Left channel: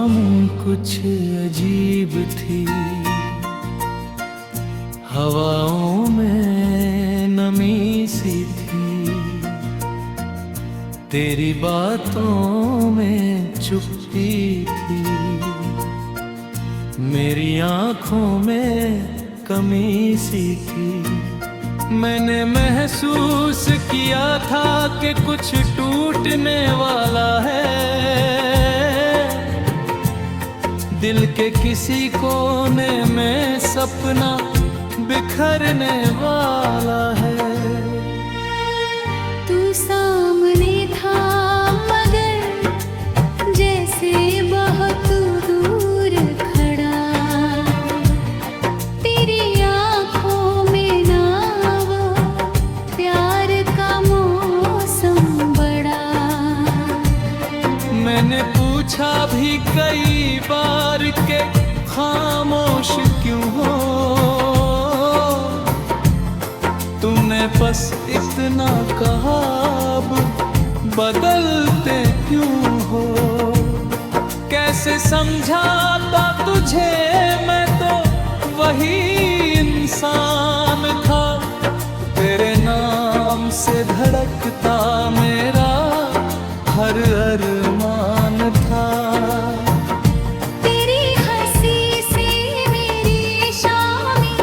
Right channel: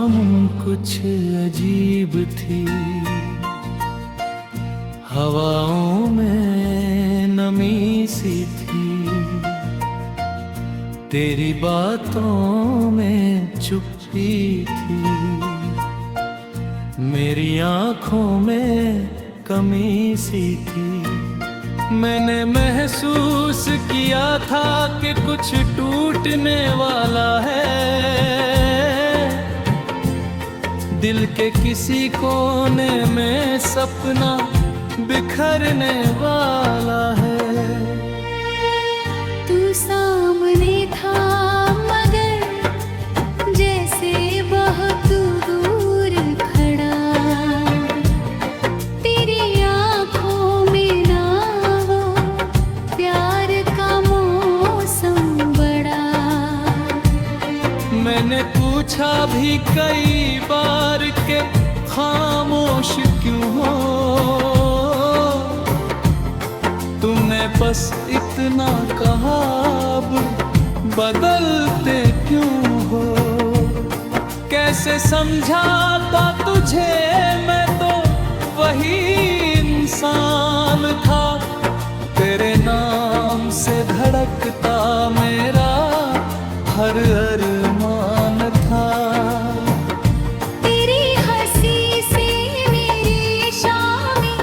शाम कुछ अजीब थी, हवाओं में नमी सी थी, तेरी बातों में चुप्पी थी, मेरी आँखों में कमी सी थी। मैंने महसूस किया था कि कुछ टूटने वाला है, दिल के किसी कोने में सपना बिखरने वाला है। तू सामने था मगर जैसे बहुत दूर खड़ा, तेरी आँखों में ना वो प्यार का मौसम बड़ा। मैंने पूछा भी कई बार के खामोश क्यों हो, तुमने बस इतना कहा अब बदलते क्यों हो। कैसे समझाता तुझे, मैं तो वही इंसान था, तेरे नाम से धड़कता मेरा हर अरमान था। तेरी हंसी से मेरी शामें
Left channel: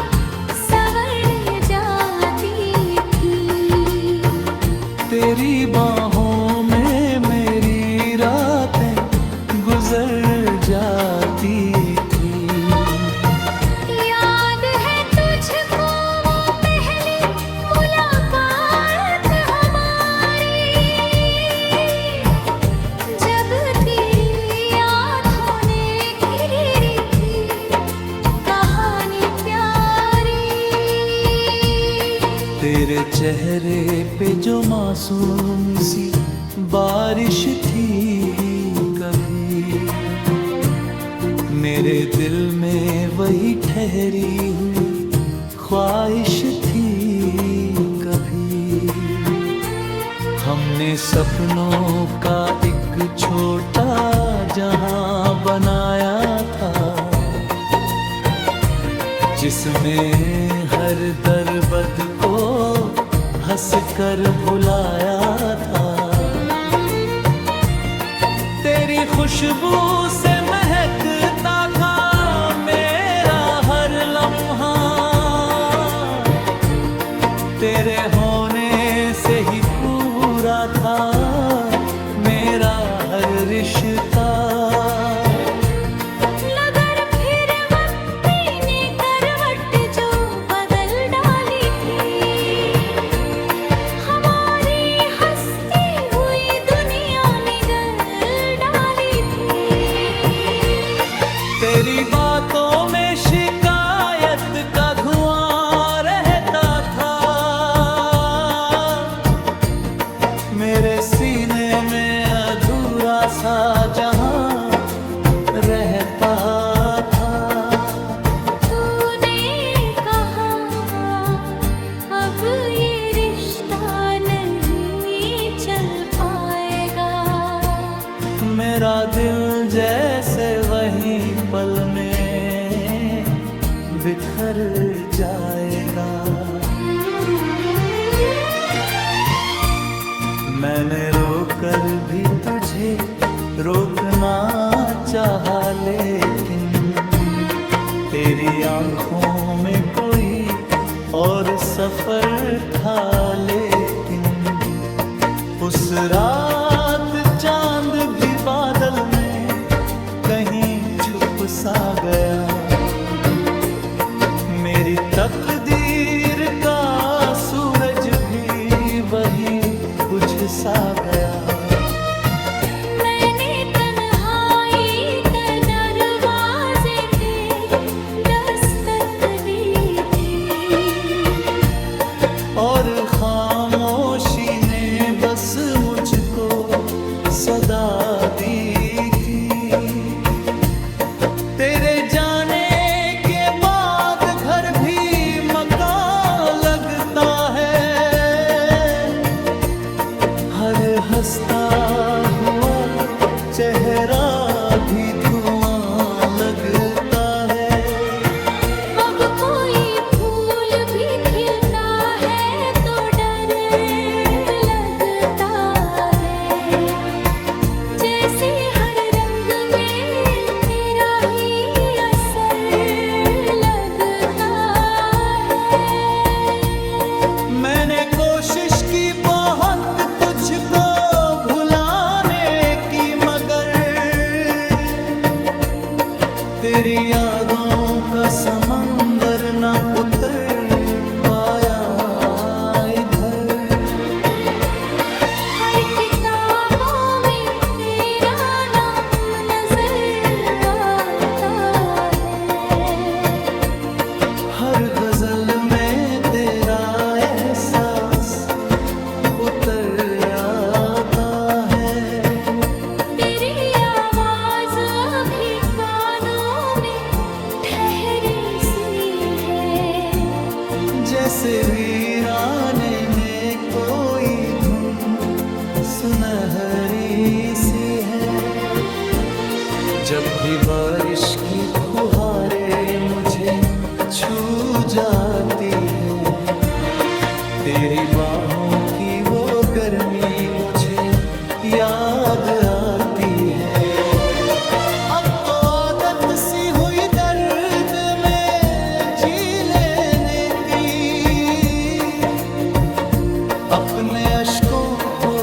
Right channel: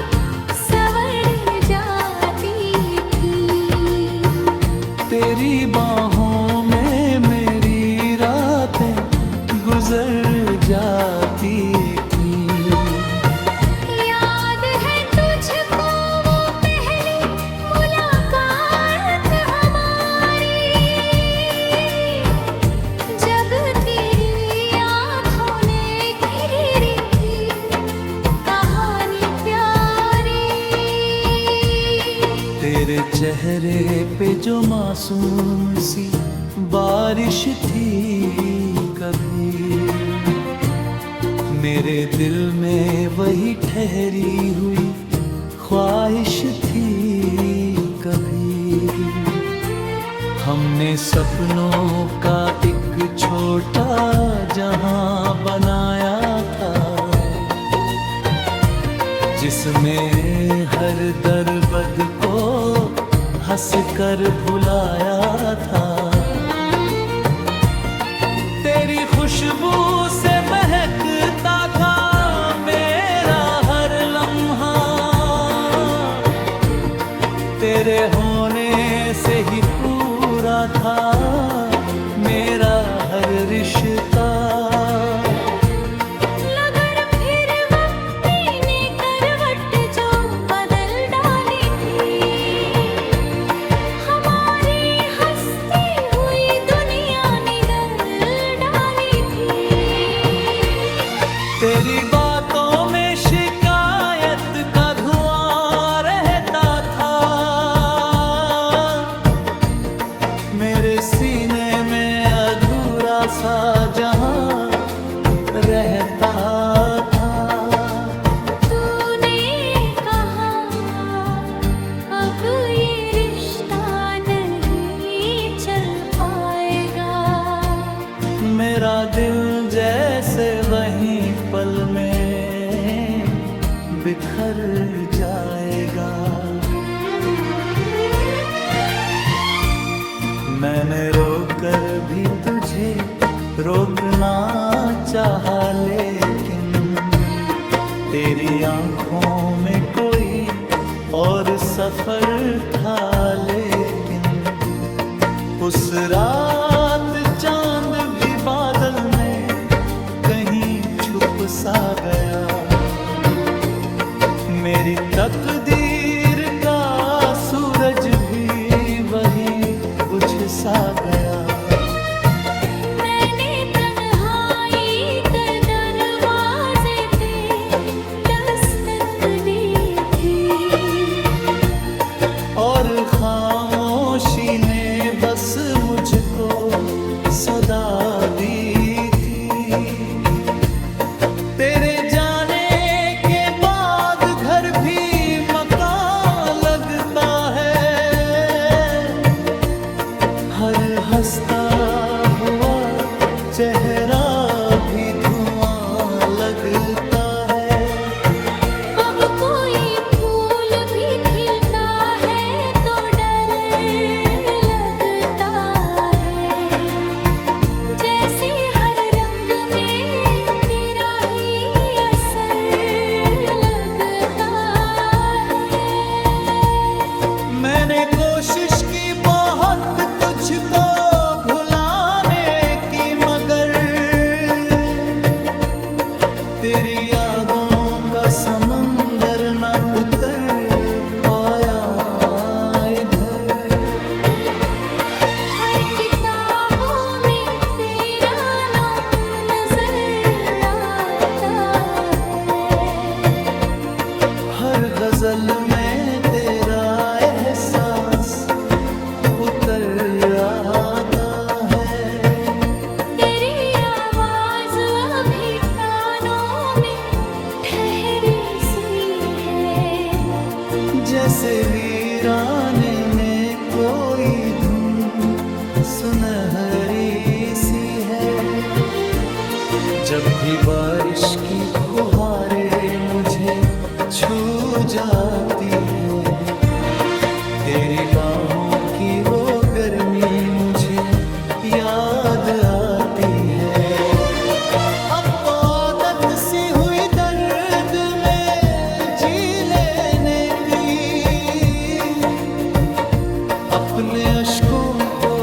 संवर जाती थी, तेरी बाहों में मेरी रातें गुजर जाती थी। याद है तुझको वो पहली मुलाकात हमारी, जब तेरी आँखों ने घेरी थी कहानी प्यारी। तेरे चेहरे पे जो मासूम सी बारिश थी, कभी मेरे दिल में वही ठहरी हुई ख्वाहिश थी। कभी हमने सपनों का एक छोटा जहां बनाया था, जिसमें हर दर्द को हंस कर भुलाया था। तेरी खुशबू से महकता था मेरा हर लम्हा, तेरे होने से ही पूरा था मेरा हर रिश्ता। तेरी बातों में शिकायत का धुआं रहता था, मेरे सीने में अधूरा सा जहां रहता था। तूने कहा अब ये रिश्ता नहीं चल पाएगा, मेरा दिल जैसे वहीं पल में बिखर जाएगा। मैंने रोकर भी तुझे रोकना चाहा, लेकिन तेरी आंखों में कोई और सफर था। लेकिन उस रात चांद भी बादल में कहीं छुप सा गया, मेरी तकदीर का सूरज भी वही बुझ सा गया। मैंने तन्हाई के दरवाजे पे दस्तक दी थी, और खामोशी ने बस मुझको सदा दी थी। तेरे जाने के बाद घर भी मकान लगता है, हर हंसता हुआ चेहरा भी धूम कोशिश की बहुत तुझको भुलाने की, मगर तेरी यादों का समंदर न उतर पाया इधर। हर किताबों में तेरा नाम नजर आता है, हर गजल में तेरा एहसास उतर आता है। तेरी आवाज अभी कानों में ठहरी सी है, जैसे वीराने में कोई धुन सुनहरी सी है। जब भी बारिश की फुहारें मुझे छू जाती है, तेरी बाहों की वो गर्मी मुझे याद आती है। अब तो आदत सी हुई दर्द में जी लेने की, अपने अश्कों को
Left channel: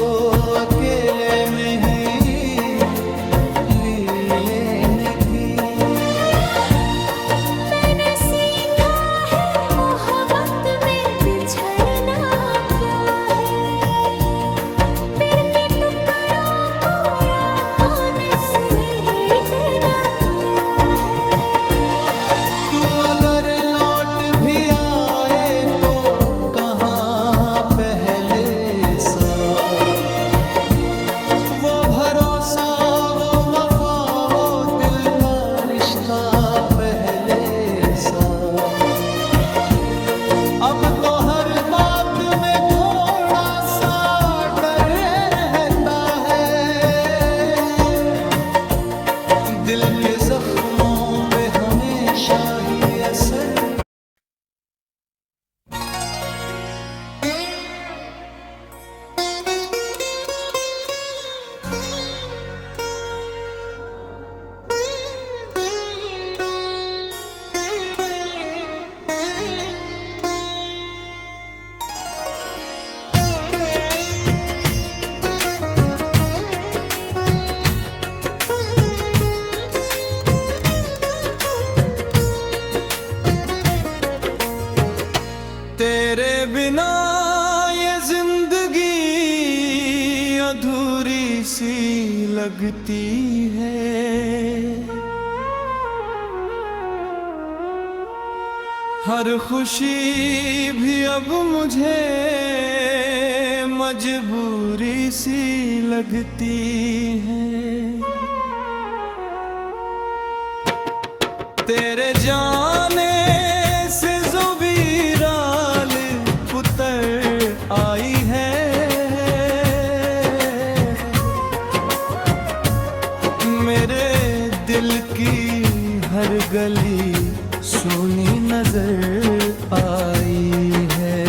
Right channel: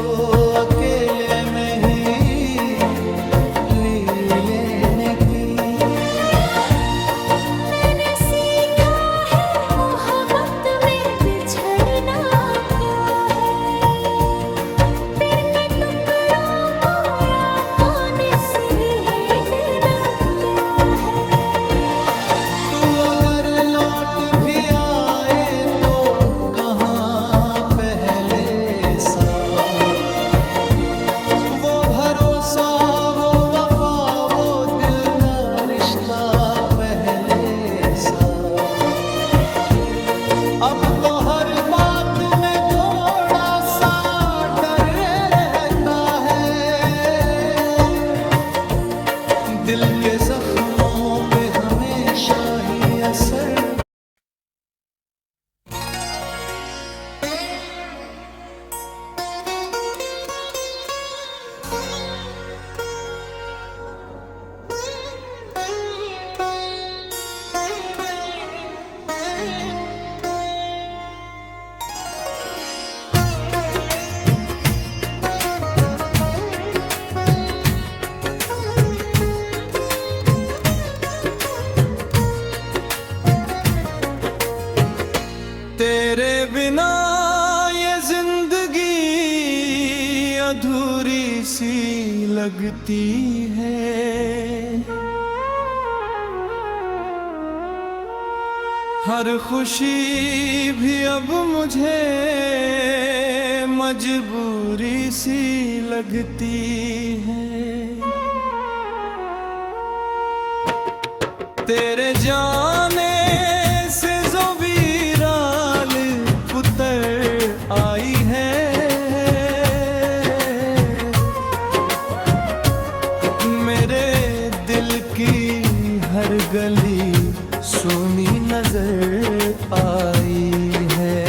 अकेले में ही ली लेने की। मैंने सीखा है मोहब्बत में बिछड़ना क्या है, दिल के टुकड़ों को रातों ने समेटना क्या है। तू अगर लौट भी आए तो कहाँ पहले सा, वो भरोसा, वो वफा, वो दिल का रिश्ता पहले सा। अब तो हर बात में थोड़ा सा डर रहता है, दिल के जख्मों पे हमेशा ही असर। तेरे बिना ये जिंदगी अधूरी सी लगती है, हर खुशी भी अब मुझे मजबूरी सी लगती है। तेरे जाने से जो वीरान पुतर आई है, मेरे दिल की हर गली सुनी नजर आई है।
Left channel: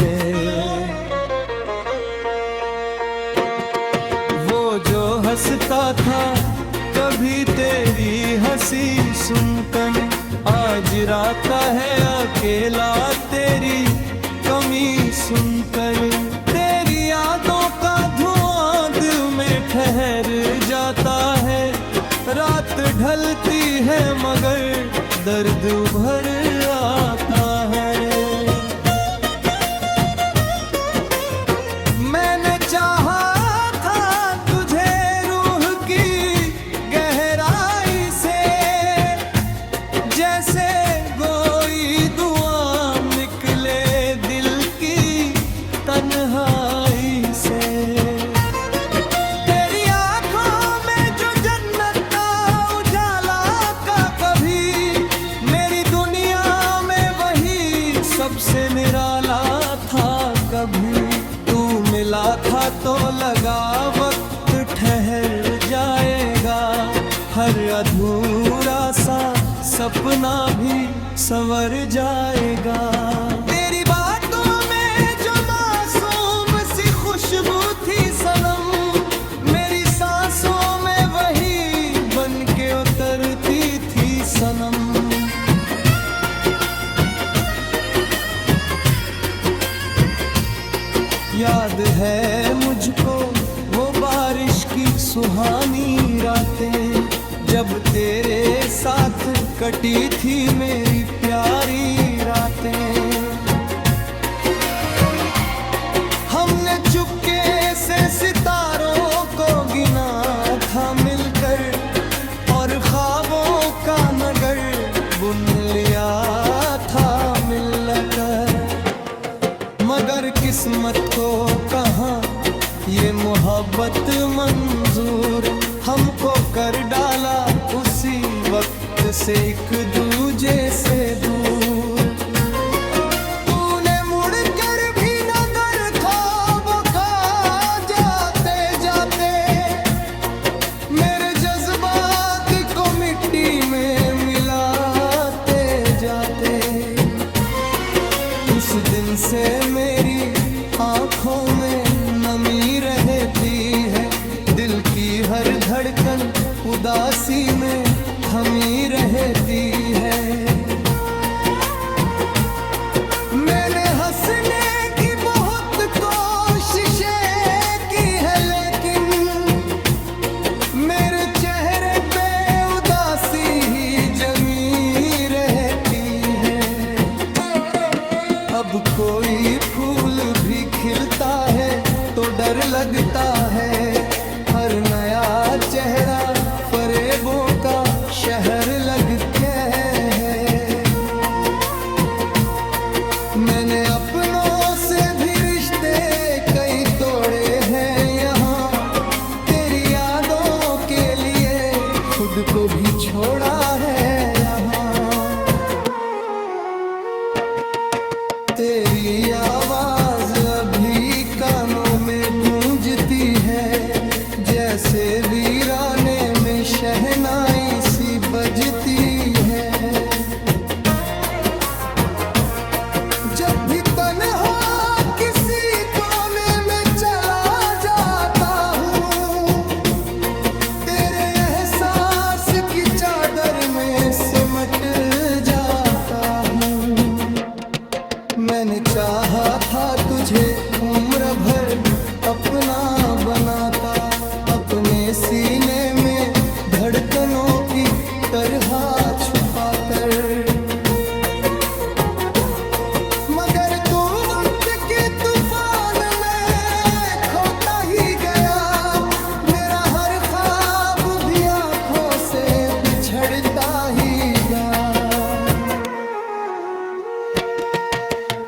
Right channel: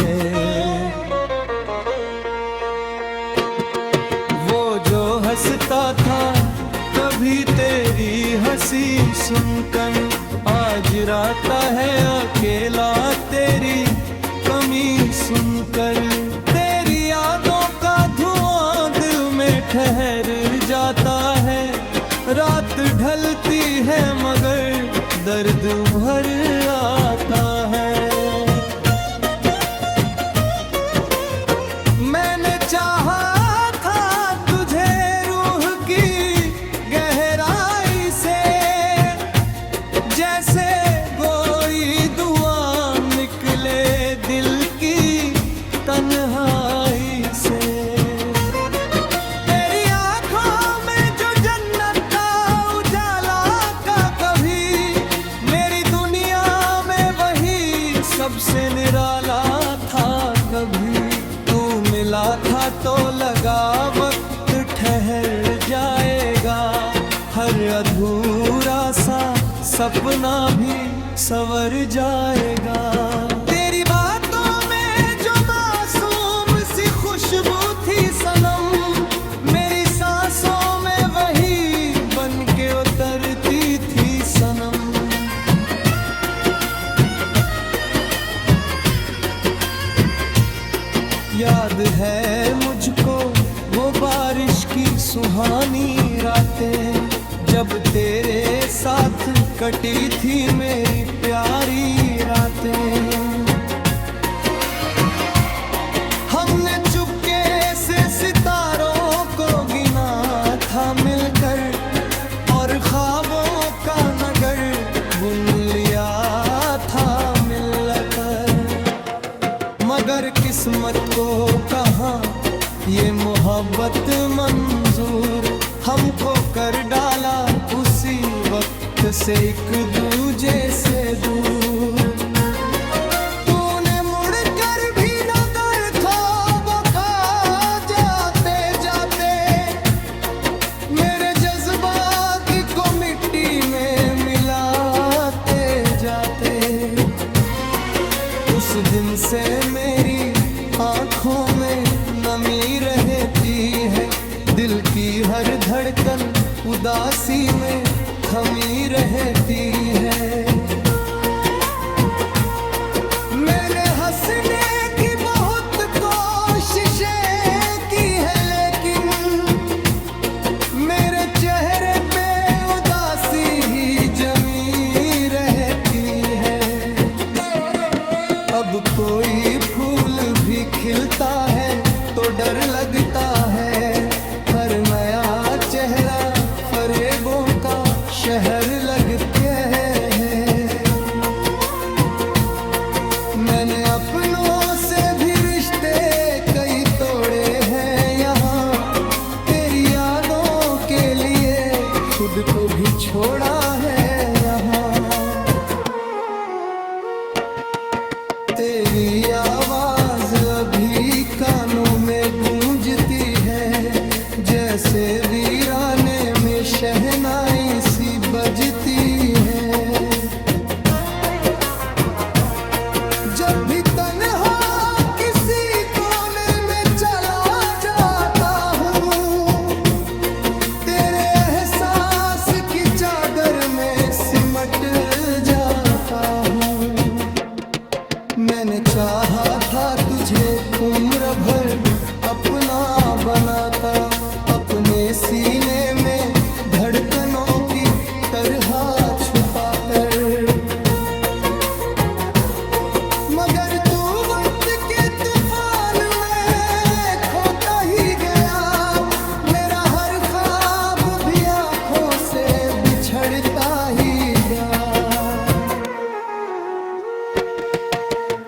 वो जो हंसता था कभी तेरी हंसी सुनकर, आज राता है अकेला तेरी कमी सुनकर। तेरी यादों का धुआं दिल में ठहर जाता है, रात ढलती है मगर दर्द उभर आता है। मैंने चाहा था तुझे रूह की गहराई से, जैसे कोई दुआ निकले दिल की तन्हाई से। तेरी आंखों में जो जन्नत का उजाला का कभी, मेरी दुनिया में वही सबसे निराला था कभी। तू मिला था तो लगा वक्त ठहर जाएगा, हर अधूरा सा सपना भी संवर जाएगा। तेरी बातों में जो मासूम सी खुशबू थी सनम, मेरी सांसों में वही बन के उतरती थी सनम। याद है मुझको वो बारिश की सुहानी रातें, जब तेरे साथ कटी थी मेरी प्यारी रातें। हमने चुपके से सितारों को गिना था मिलकर, और ख्वाबों का नगर बुन लिया था मिलकर। मगर किस्मत को कहाँ ये मोहब्बत मंजूर, हमको कर डाला उसी वक्त से एक दूजे से दूर। तूने मुड़कर भी नजर ख्वाबों खा जाते जाते, मेरे जज्बात को मिट्टी में मिलाते जाते। उस दिन से मेरी आँखों में नमी रहती है, दिल की हर धड़कन उदासी में थमी रहती है। मैंने हंसने की बहुत कोशिशें की है, लेकिन मेरे चेहरे पे उदासी ही जमी रहती है। अब कोई फूल भी खिलता है तो डर लगता है, हर नया चेहरा फरेबों का शहर लगता है। मैंने अपनों से भी रिश्ते कई तोड़े हैं यहाँ, तेरी यादों के लिए खुद को भी छोड़ा है यहाँ। तेरी आवाज अभी कानों में गूंजती है, जैसे वीराने में शहनाई सी बजती है। जब भी तन्हा किसी कोने में चला जाता हूँ, तेरे एहसास की चादर में सिमट जाता हूँ। मैंने चाहा था तुझे उम्र भर अपना बनाता, अपने सीने में धड़कनों की तरह छुपा कर। मगर तू वक्त के तूफान में खोता ही गया, मेरा हर ख्वाब भी आंखों से बिछड़ता ही गया।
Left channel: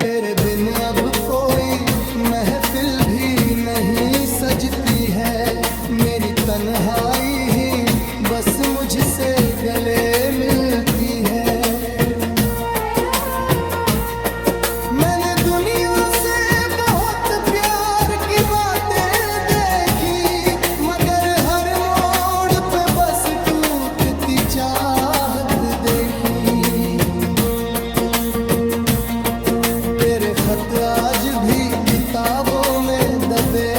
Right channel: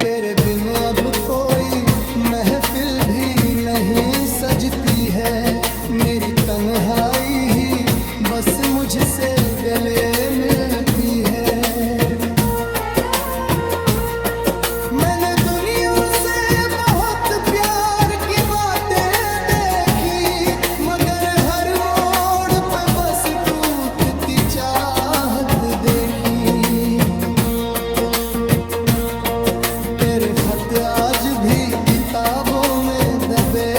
तेरे बिन अब कोई महफिल भी नहीं सजती है, मेरी तन्हाई ही बस मुझसे गले मिलती है। मैंने दुनिया से बहुत प्यार की बातें देखी, मगर हर मोड़ पे बस टूटती चाहत देखी। तेरे खत आज भी किताबों में दबे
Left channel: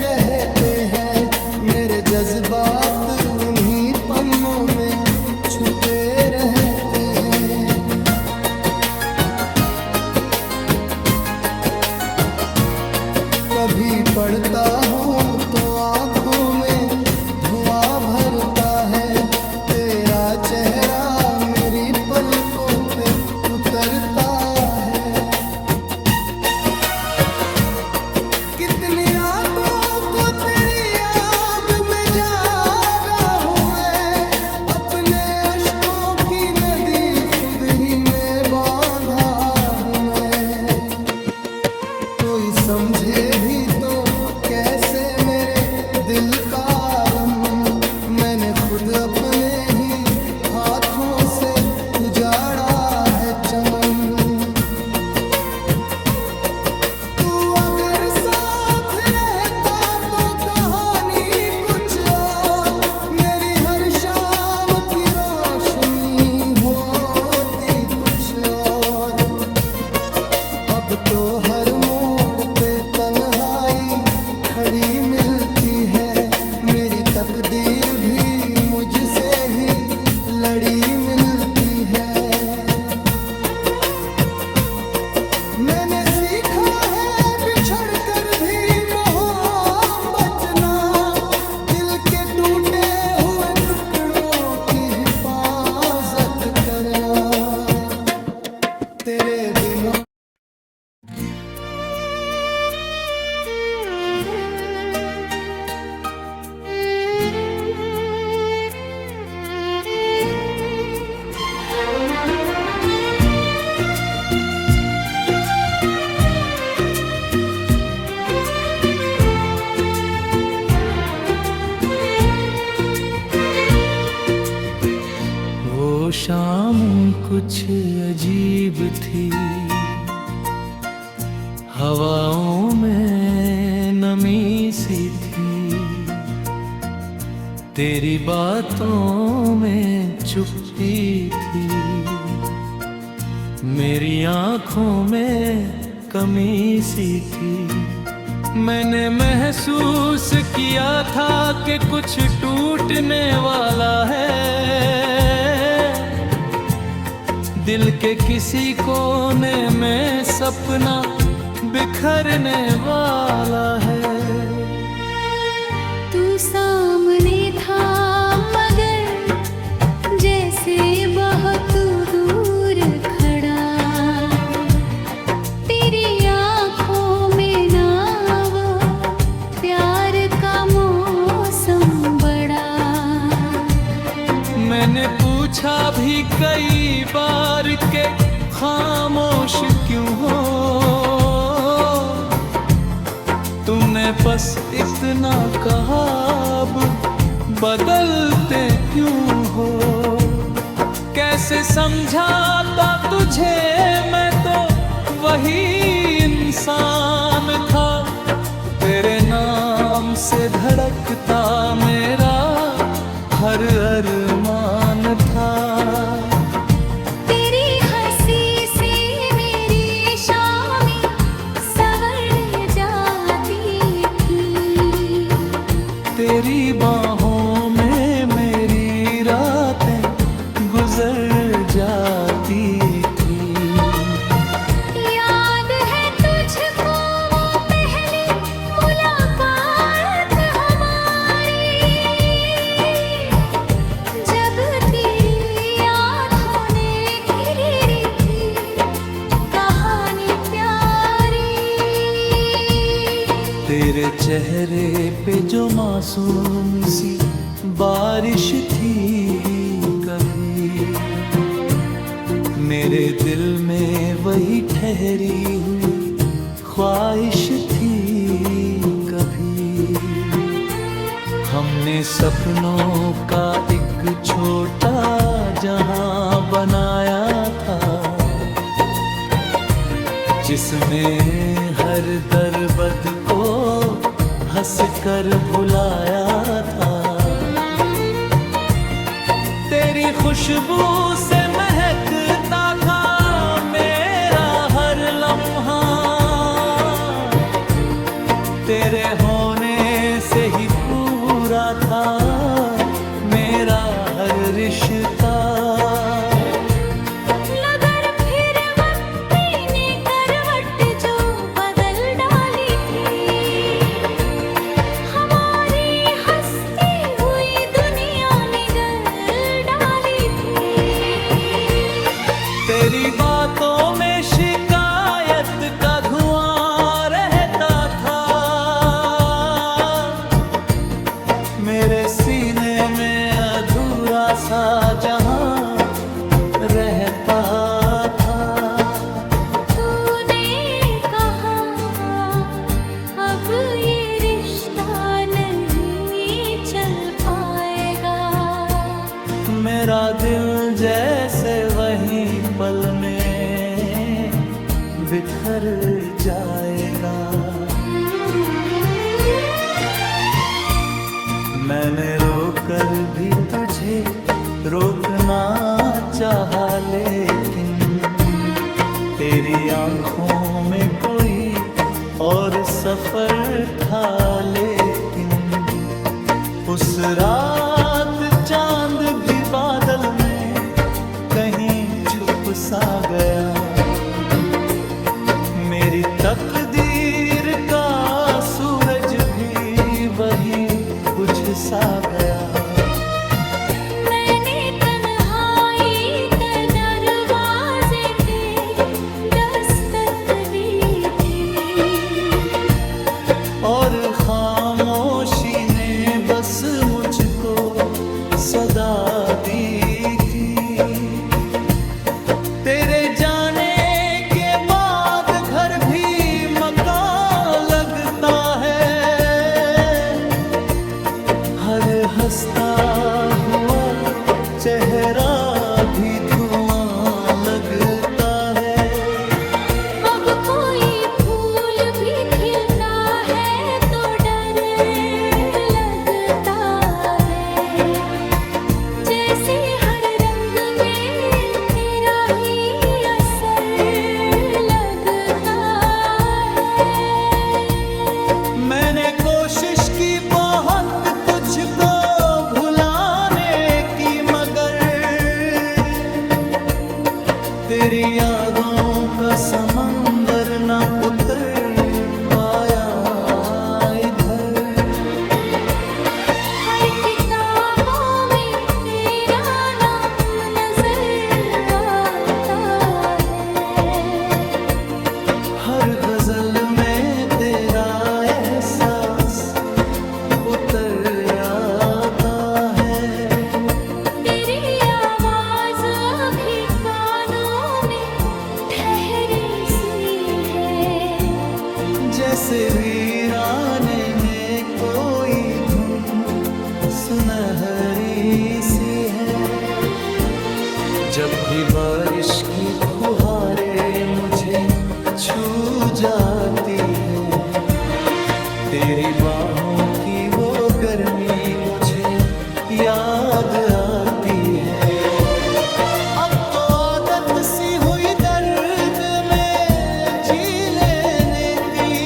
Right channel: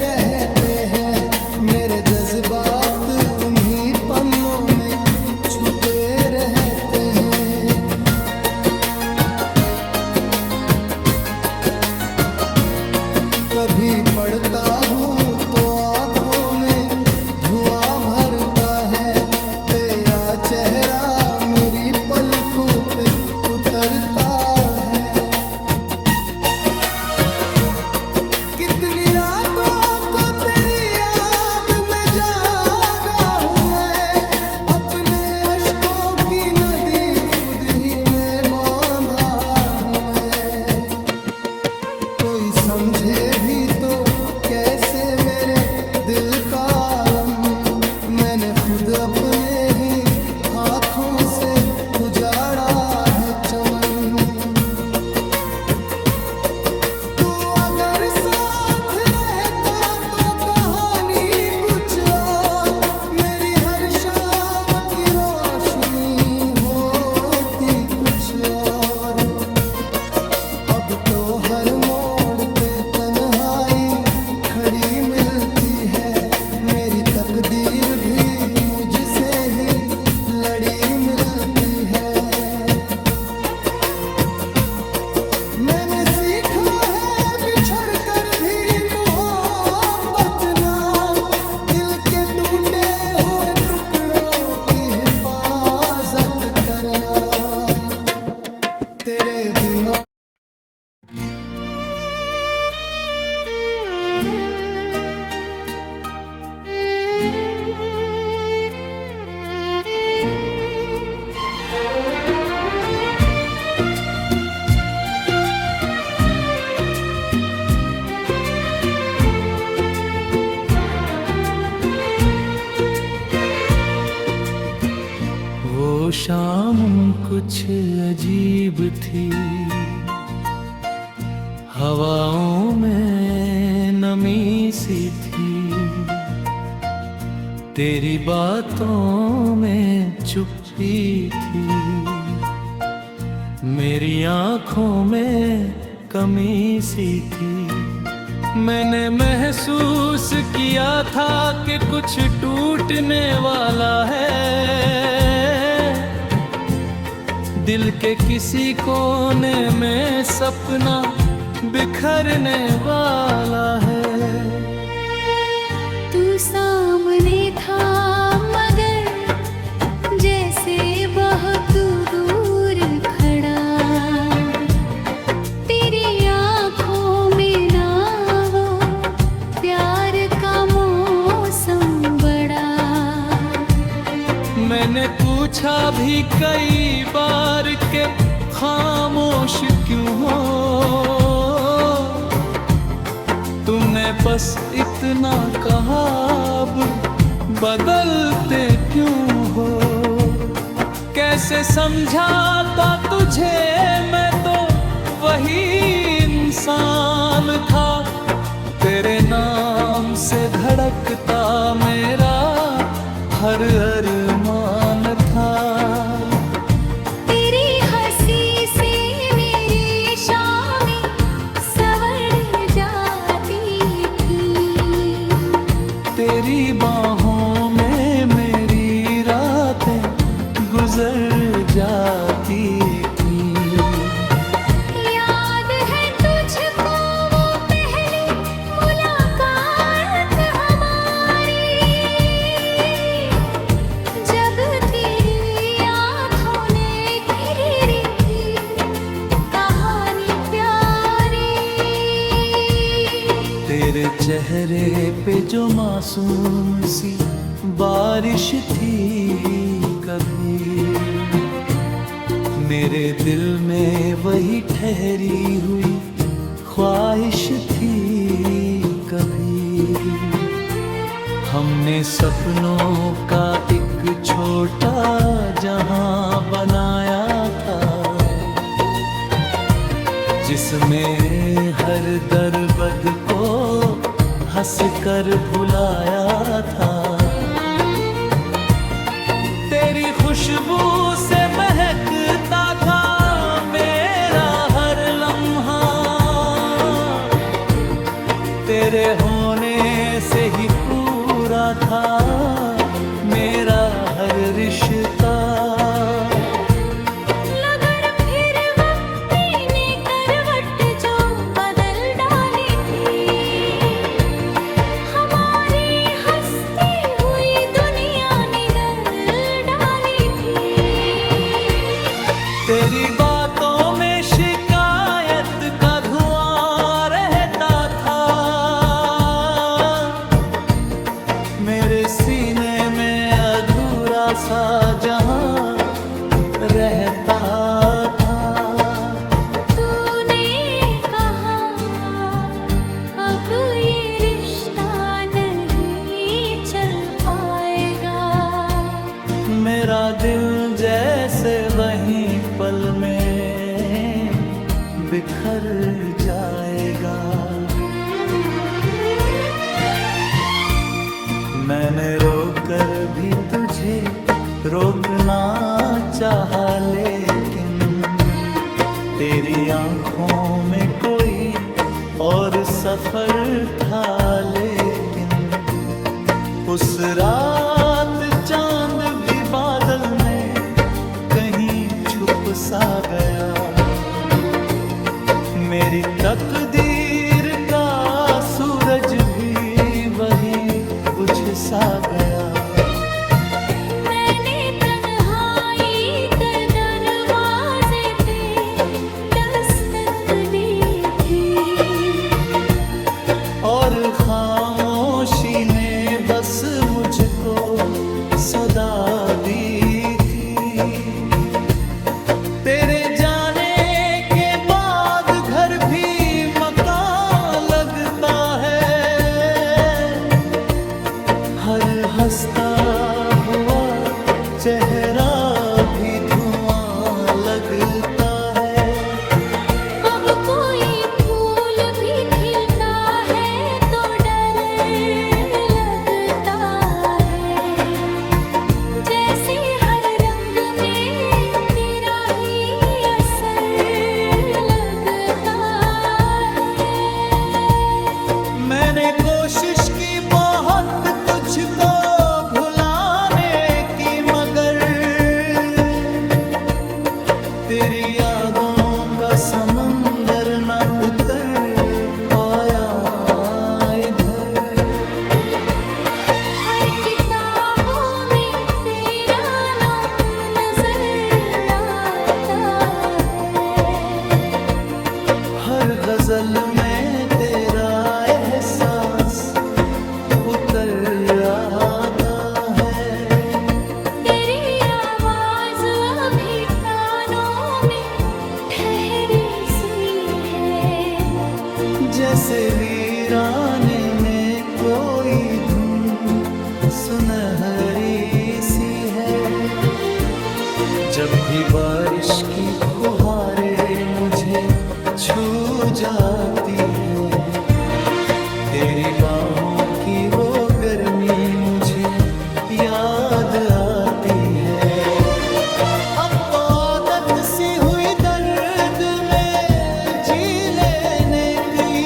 रहते हैं, मेरे जज्बात उन्हीं पन्नों में छुपे रहते हैं। कभी पढ़ता हूँ तो आँखों में धुआं भरता है, तेरा चेहरा मेरी पलकों पे उतरता है। कितनी रातों को तेरी याद में जागा हूँ मैं, अपने अश्कों की नदी खुद ही में बांधा हूँ मैं। कोई समझे भी तो कैसे मेरे दिल का आलम, मैंने खुद अपने ही हाथों से उजाड़ा है चमन। तू अगर साथ रहता तो कहानी कुछ और, मेरी हर शाम की रोशनी होती कुछ और। अब तो हर मोड़ पे तन्हाई खड़ी मिलती है, मेरी तकदीर भी मुझसे ही लड़ी मिलती है। मैंने सीखा है बिछड़ कर भी प्यार करना है तेरे बिना। वो शाम कुछ अजीब थी, हवाओं में नमी सी थी, तेरी बातों में चुप्पी थी, मेरी आँखों में कमी सी थी। मैंने महसूस किया था कि कुछ टूटने वाला है, दिल के किसी कोने में सपना बिखरने वाला है। तू सामने था मगर जैसे बहुत दूर खड़ा, तेरी आँखों में ना वो प्यार का मौसम बड़ा। मैंने पूछा भी कई बार के खामोश क्यों हो, तुमने बस इतना कहा अब बदलते क्यों हो। कैसे समझाता तुझे, मैं तो वही इंसान था, तेरे नाम से धड़कता मेरा हर अरमान था। तेरी हंसी से मेरी शामें संवर जाती थी, तेरी बाहों में मेरी रातें गुजर जाती थी। याद है तुझको वो पहली मुलाकात हमारी, जब तेरी आँखों ने खिरी थी कहानी प्यारी। तेरे चेहरे पे जो मासूम सी बारिश थी कभी, मेरे दिल में वही ठहरी हुई ख्वाहिश थी कभी। हमने सपनों का एक छोटा जहां बनाया था, जिसमें हर दर्द को हंसकर भुलाया था। तेरी खुशबू से महकता था मेरा हर लम्हा, तेरे होने से ही पूरा था मेरा हर रिश्ता। मगर फिर वक्त ने करवट जो बदल डाली थी, हमारी हंसती हुई दुनिया निगल डाली थी। तेरी बातों में शिकायत का धुआं रहता था, मेरे सीने में अधूरा सा जहां रहता था। तूने कहा अब ये रिश्ता नहीं चल पाएगा, मेरा दिल जैसे वहीं पल में बिखर जाएगा। मैंने रोकर भी तुझे रोकना चाहा, लेकिन तेरी आंखों में कोई और सफर था। लेकिन उस रात चांद भी बादल में कहीं छुप सा गया, मेरी तकदीर का सूरज भी वही बुझ सा गया। मैंने तन्हाई बस मुझको सदा दी थी। तेरे जाने के बाद घर भी मकान लगता है, हर हंसता हुआ चेहरा भी धुआं लगता है। अब कोई फूल भी खिलता है तो डर लगता है, जैसे हर रंग में तेरा ही असर लगता है। मैंने कोशिश की बहुत तुझको भुलाने की, मगर तेरी यादों का समंदर न उतर पाया इधर। हर किताबों में तेरा नाम नजर आता है, हर गजल में तेरा एहसास उतर आता है। तेरी आवाज अभी कानों में ठहरी सी है, जैसे वीराने में कोई धुन सुनहरी सी है। जब भी बारिश की फुहारें मुझे छू जाती हैं, तेरी बाहों की वो गर्मी मुझे याद आती है। अब तो आदत सी हुई दर्द में जी लेने की,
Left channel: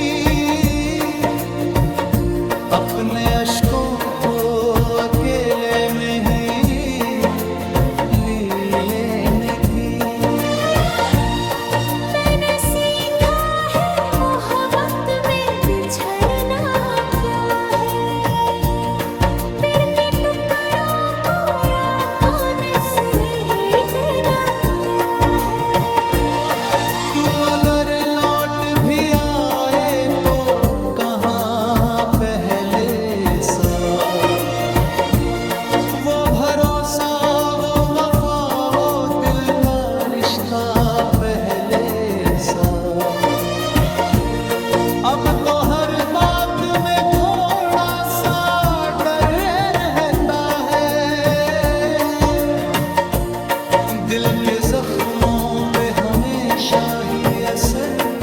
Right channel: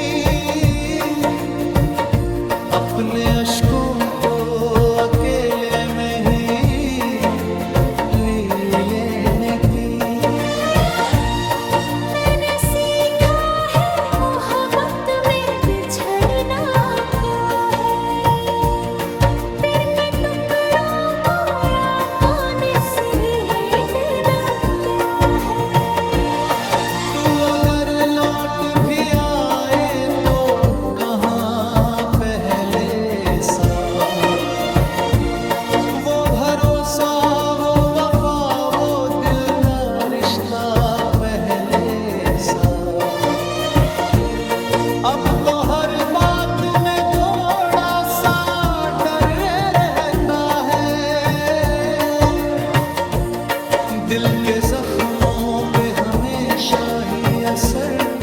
अपने अश्कों को अकेले में ही ली लेने की। मैंने सीखा है मोहब्बत में बिछड़ना क्या है, फिर के टुकड़ों को याद सहेटना क्या है। तू अगर लौट भी आए तो कहाँ पहले सा, वो भरोसा, वो वफा, वो दिल का रिश्ता पहले सा। अब तो हर बात में थोड़ा सा डर रहता है, दिल के जख्मों पे हमेशा ही असर